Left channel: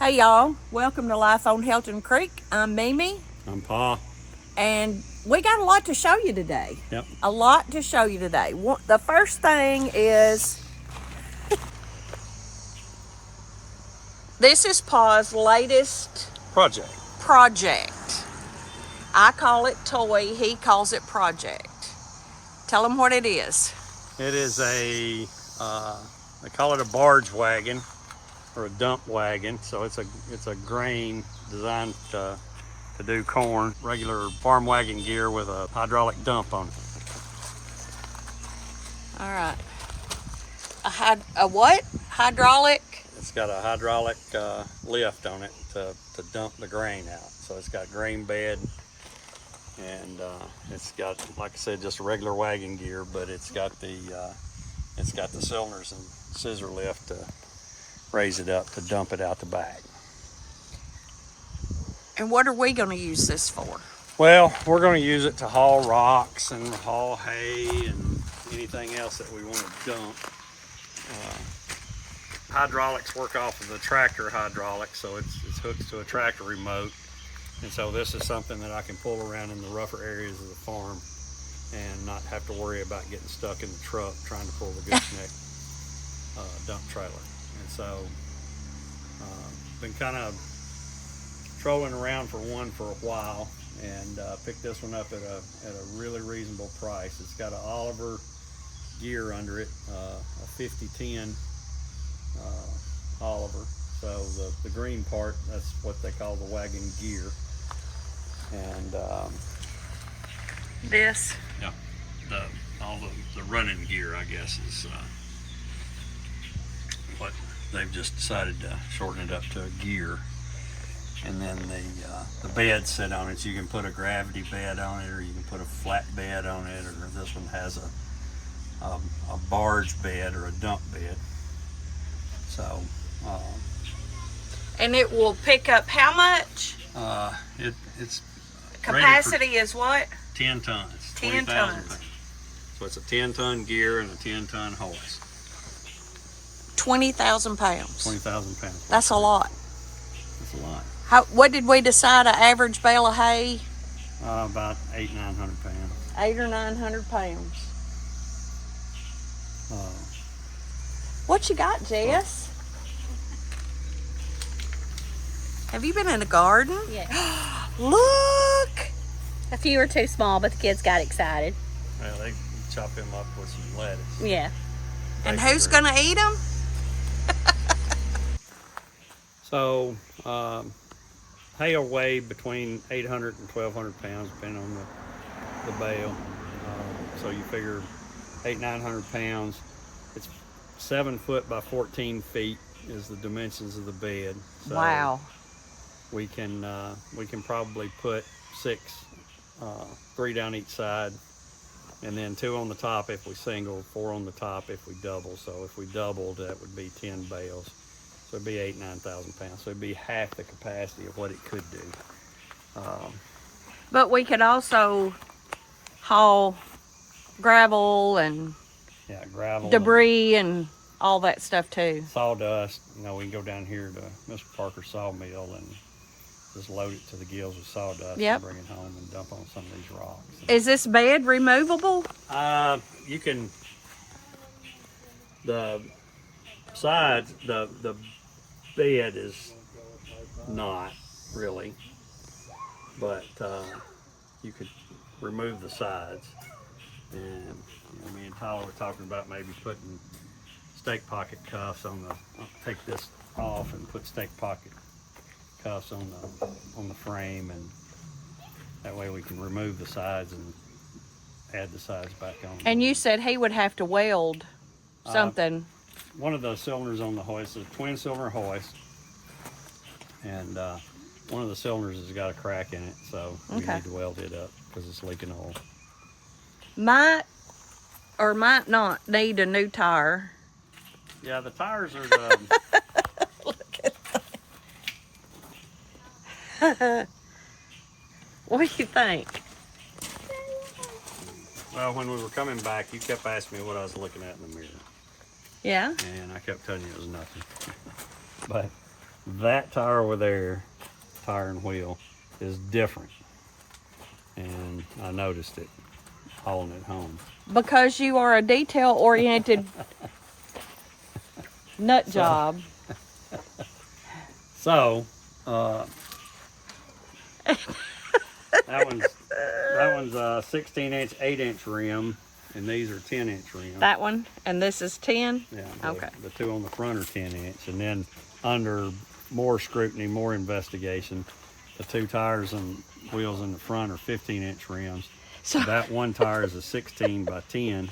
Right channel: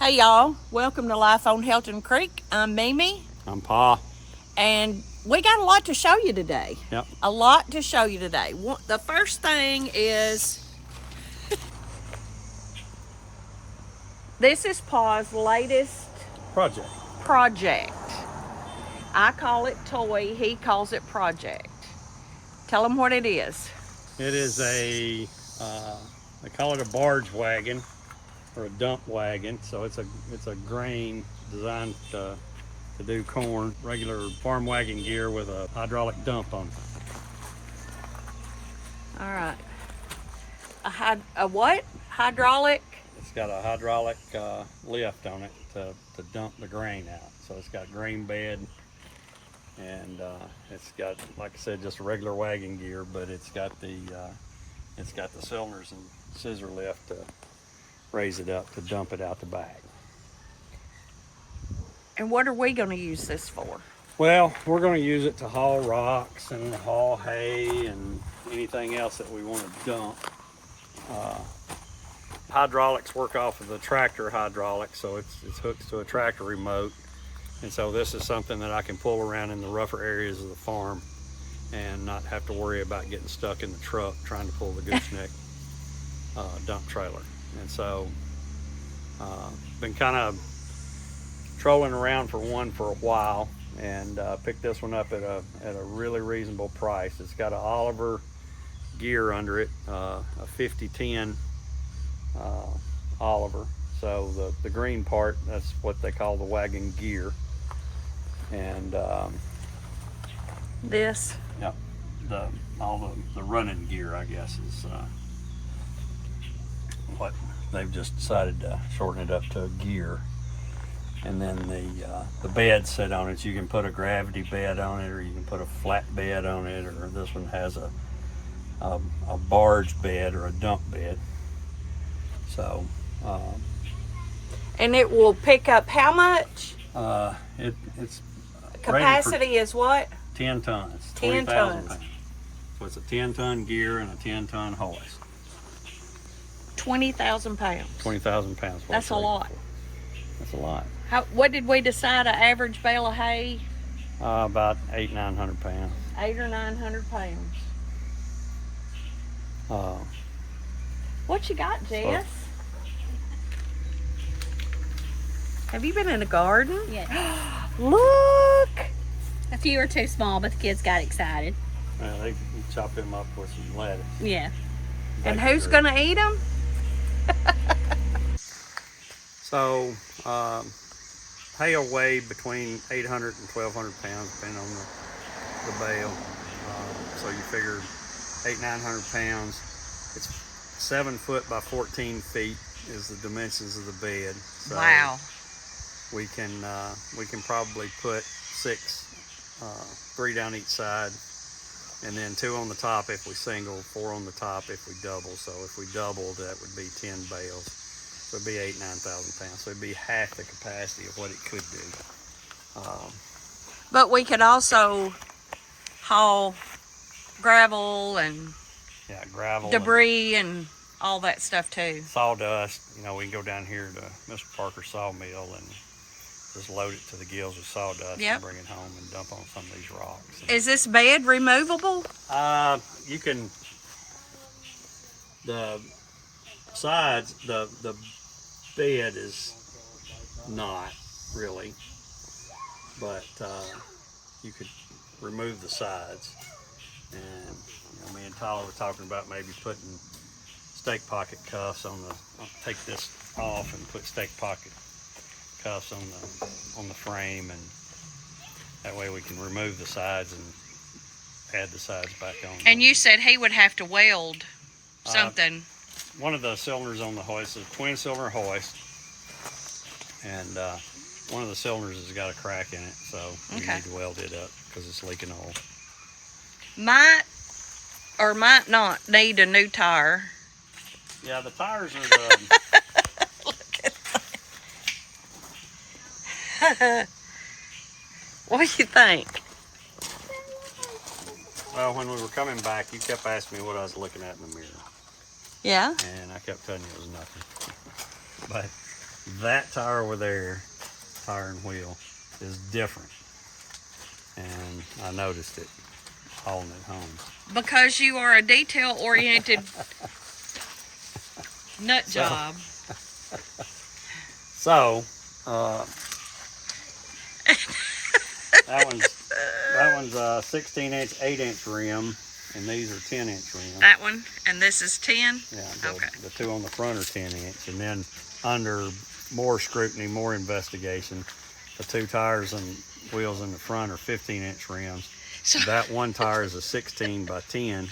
Hey y'all, welcome to Life on Helton Creek. I'm Mimi. I'm Pa. And we got a lot to show you today. Yep. A lot to show you today. The first thing is, this is Pa's latest project. I call it toy, he calls it project. Tell him what it is. It is they call it a barge wagon or a dump wagon. So it's a grain designed to do corn, regular farm wagon gear with a hydraulic dump on it. All right. A what? Hydraulic? It's got a hydraulic lift on it to dump the grain out. So it's got grain bed, and it's got, like I said, just a regular wagon gear, but it's got the cylinders and scissor lift to raise it up to dump it out the back. And what are we going to use this for? Well, we're going to use it to haul rocks and haul hay and anything else that we want to dump. Hydraulics work off of the tractor hydraulics, so it's hooked to a tractor remote. And so this is something that I can pull around in the rougher areas of the farm and not have to worry about getting stuck in the truck trying to pull the gooseneck dump trailer. And so been kind of trolling around for one for a while, and picked this one up at a really reasonable price. It's got an Oliver gear under it, a 5010 Oliver. So the green part, that's what they call the wagon gear. And this? Yep, all the running gear, I guess, is what they've just decided to shorten it up to a gear. And then the bed set on it. You can put a gravity bed on it, or you can put a flat bed on it, or this one has a barge bed or a dump bed. So and it will pick up how much? It's capacity is what? 10 tons. 10 tons. Pounds. So it's a 10-ton gear and a 10-ton hose. 20,000 pounds. 20,000 pounds. That's a lot. That's a lot. What did we decide an average bale of hay? About 800-900 pounds. 800 or 900 pounds. What you got, Jess? Have you been in the garden? Yes. Look! A few are too small, but the kids got excited. Yeah, they chop them up with some lettuce. Yeah. And who's gonna eat them? So, hay will weigh between 800 and 1,200 pounds, depending on the bale. So you figure 800-900 pounds. It's 7 foot by 14 feet is the dimensions of the bed. So wow. We can probably put 6, 3 down each side, and then 2 on the top if we single, 4 on the top if we double. So if we doubled, that would be 10 bales. So it'd be 8,000-9,000 pounds. So it'd be half the capacity of what it could do. But we could also haul gravel and gravel, debris and all that stuff too. Sawdust. You know, we can go down here to Mr. Parker's sawmill and just load it to the gills with sawdust. Yep. And bring it home and dump on some of these rocks. Is this bed removable? You can. The sides, the bed is not really, but you could remove the sides. And me and Tyler were talking about maybe putting stake pocket cuffs on I'll take this off and put stake pocket cuffs on the frame, and that way we can remove the sides and add the sides back on. And you said he would have to weld something. One of the cylinders on the hoist is a twin cylinder hoist, and one of the cylinders has got a crack in it, so we need to weld it up because it's leaking oil. Might or might not need a new tire. Yeah, the tires are Look at that. What do you think? Well, when we were coming back, you kept asking me what I was looking at in the mirror. Yeah. And I kept telling you it was nothing. But that tire over there, tire and wheel, is different. And I noticed it hauling it home. Because you are a detail-oriented nut job. So, that one's a 16-inch, 8-inch rim, and these are 10-inch rims. That one, and this is 10? Yeah. Okay. The two on the front are 10-inch, and then under more scrutiny, more investigation, the two tires and wheels in the front are 15-inch rims. So that one tire is a 16 by 10,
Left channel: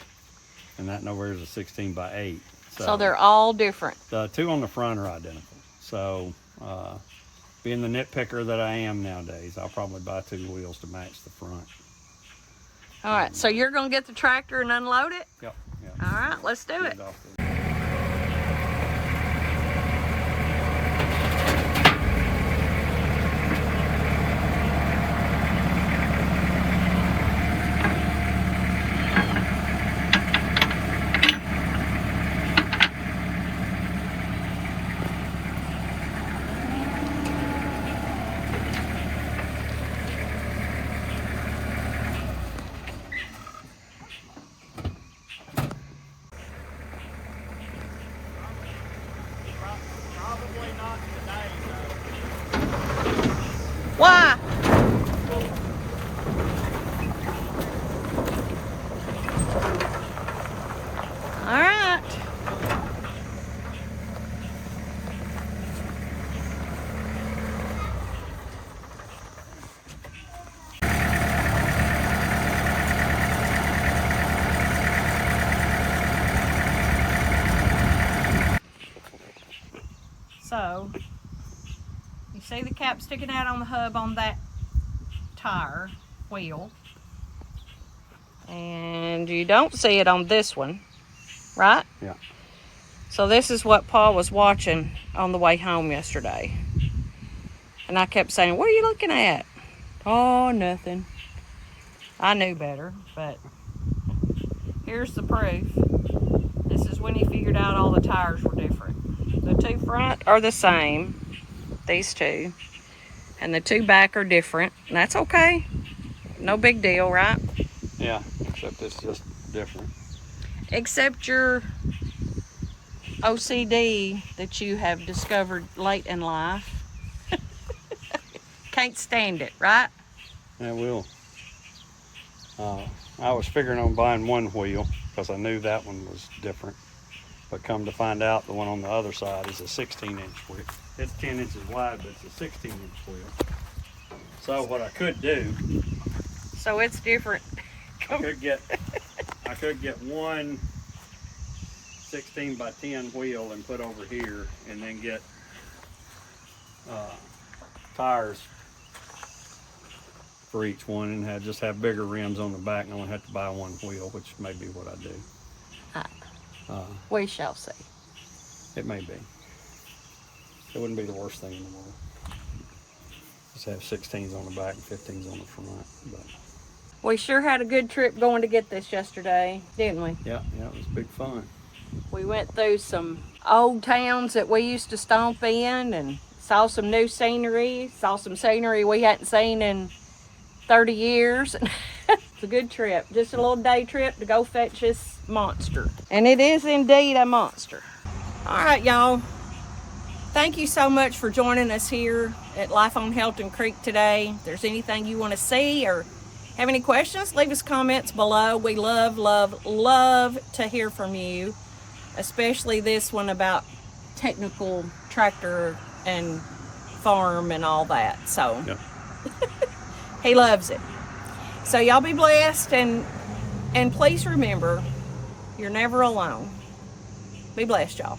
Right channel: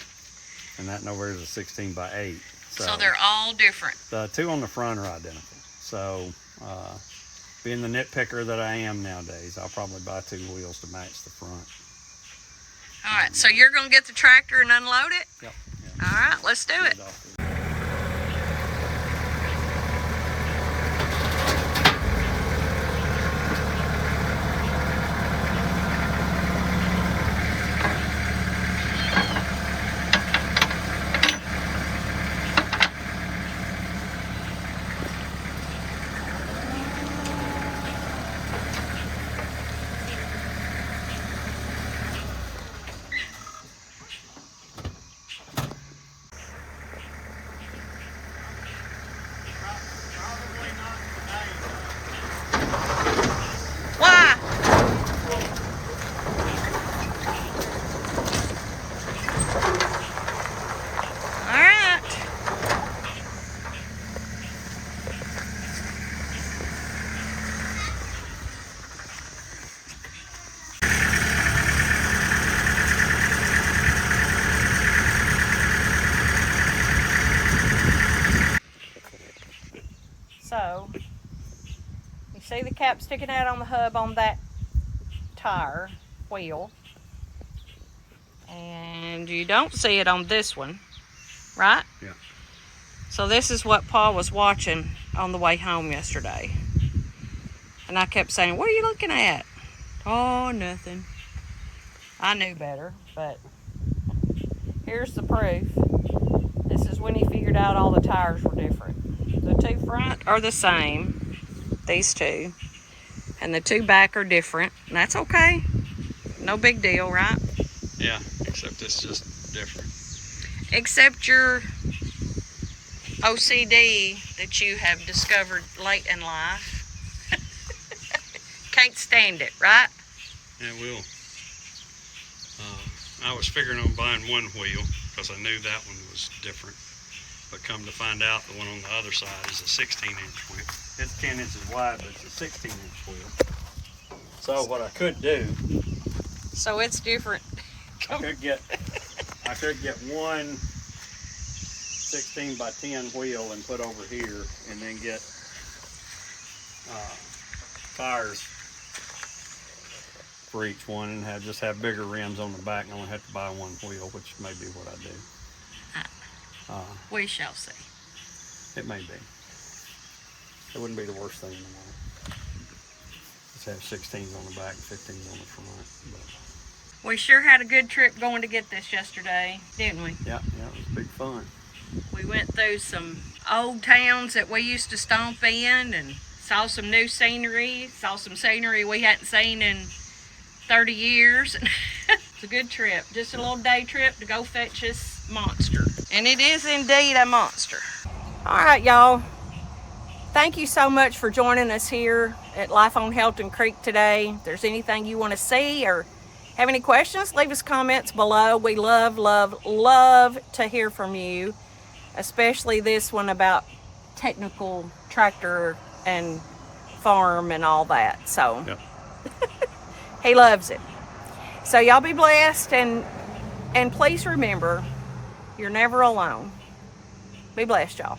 and that nowhere is a 16 by 8. So they're all different. The two on the front are identical. So, being the nitpicker that I am nowadays, I'll probably buy two wheels to match the front. All right, so you're going to get the tractor and unload it? Yep. All right, let's do it. Why? All right. So, you see the cap sticking out on the hub on that tire wheel, and you don't see it on this one, right? Yeah. So this is what Paul was watching on the way home yesterday, and I kept saying, what are you looking at? Oh, nothing. I knew better, but here's the proof. This is when he figured out all the tires were different. The two front are the same, these two, and the two back are different, and that's okay. No big deal, right? Yeah, except it's just different. Except your OCD that you have discovered late in life. Can't stand it, right? Yeah, it will. I was figuring on buying one wheel because I knew that one was different. But come to find out, the one on the other side is a 16-inch wheel. It's 10 inches wide, but it's a 16-inch wheel. So what I could do... So it's different. I could get one 16 by 10 wheel and put over here, and then get tires for each one, and just have bigger rims on the back, and only have to buy one wheel, which may be what I do. We shall see. It may be. It wouldn't be the worst thing in the world. Just have 16s on the back and 15s on the front. But we sure had a good trip going to get this yesterday, didn't we? Yeah, it was big fun. We went through some old towns that we used to stomp in and saw some new scenery, saw some scenery we hadn't seen in 30 years. It's a good trip. Just a little day trip to go fetch this monster. And it is indeed a monster. All right, y'all. Thank you so much for joining us here at Life on Helton Creek today. If there's anything you want to see or have any questions, leave us comments below. We love, love, love to hear from you, especially this one about technical tractor and farm and all that. So Yep. he loves it. So y'all be blessed, and please remember, you're never alone. Be blessed, y'all.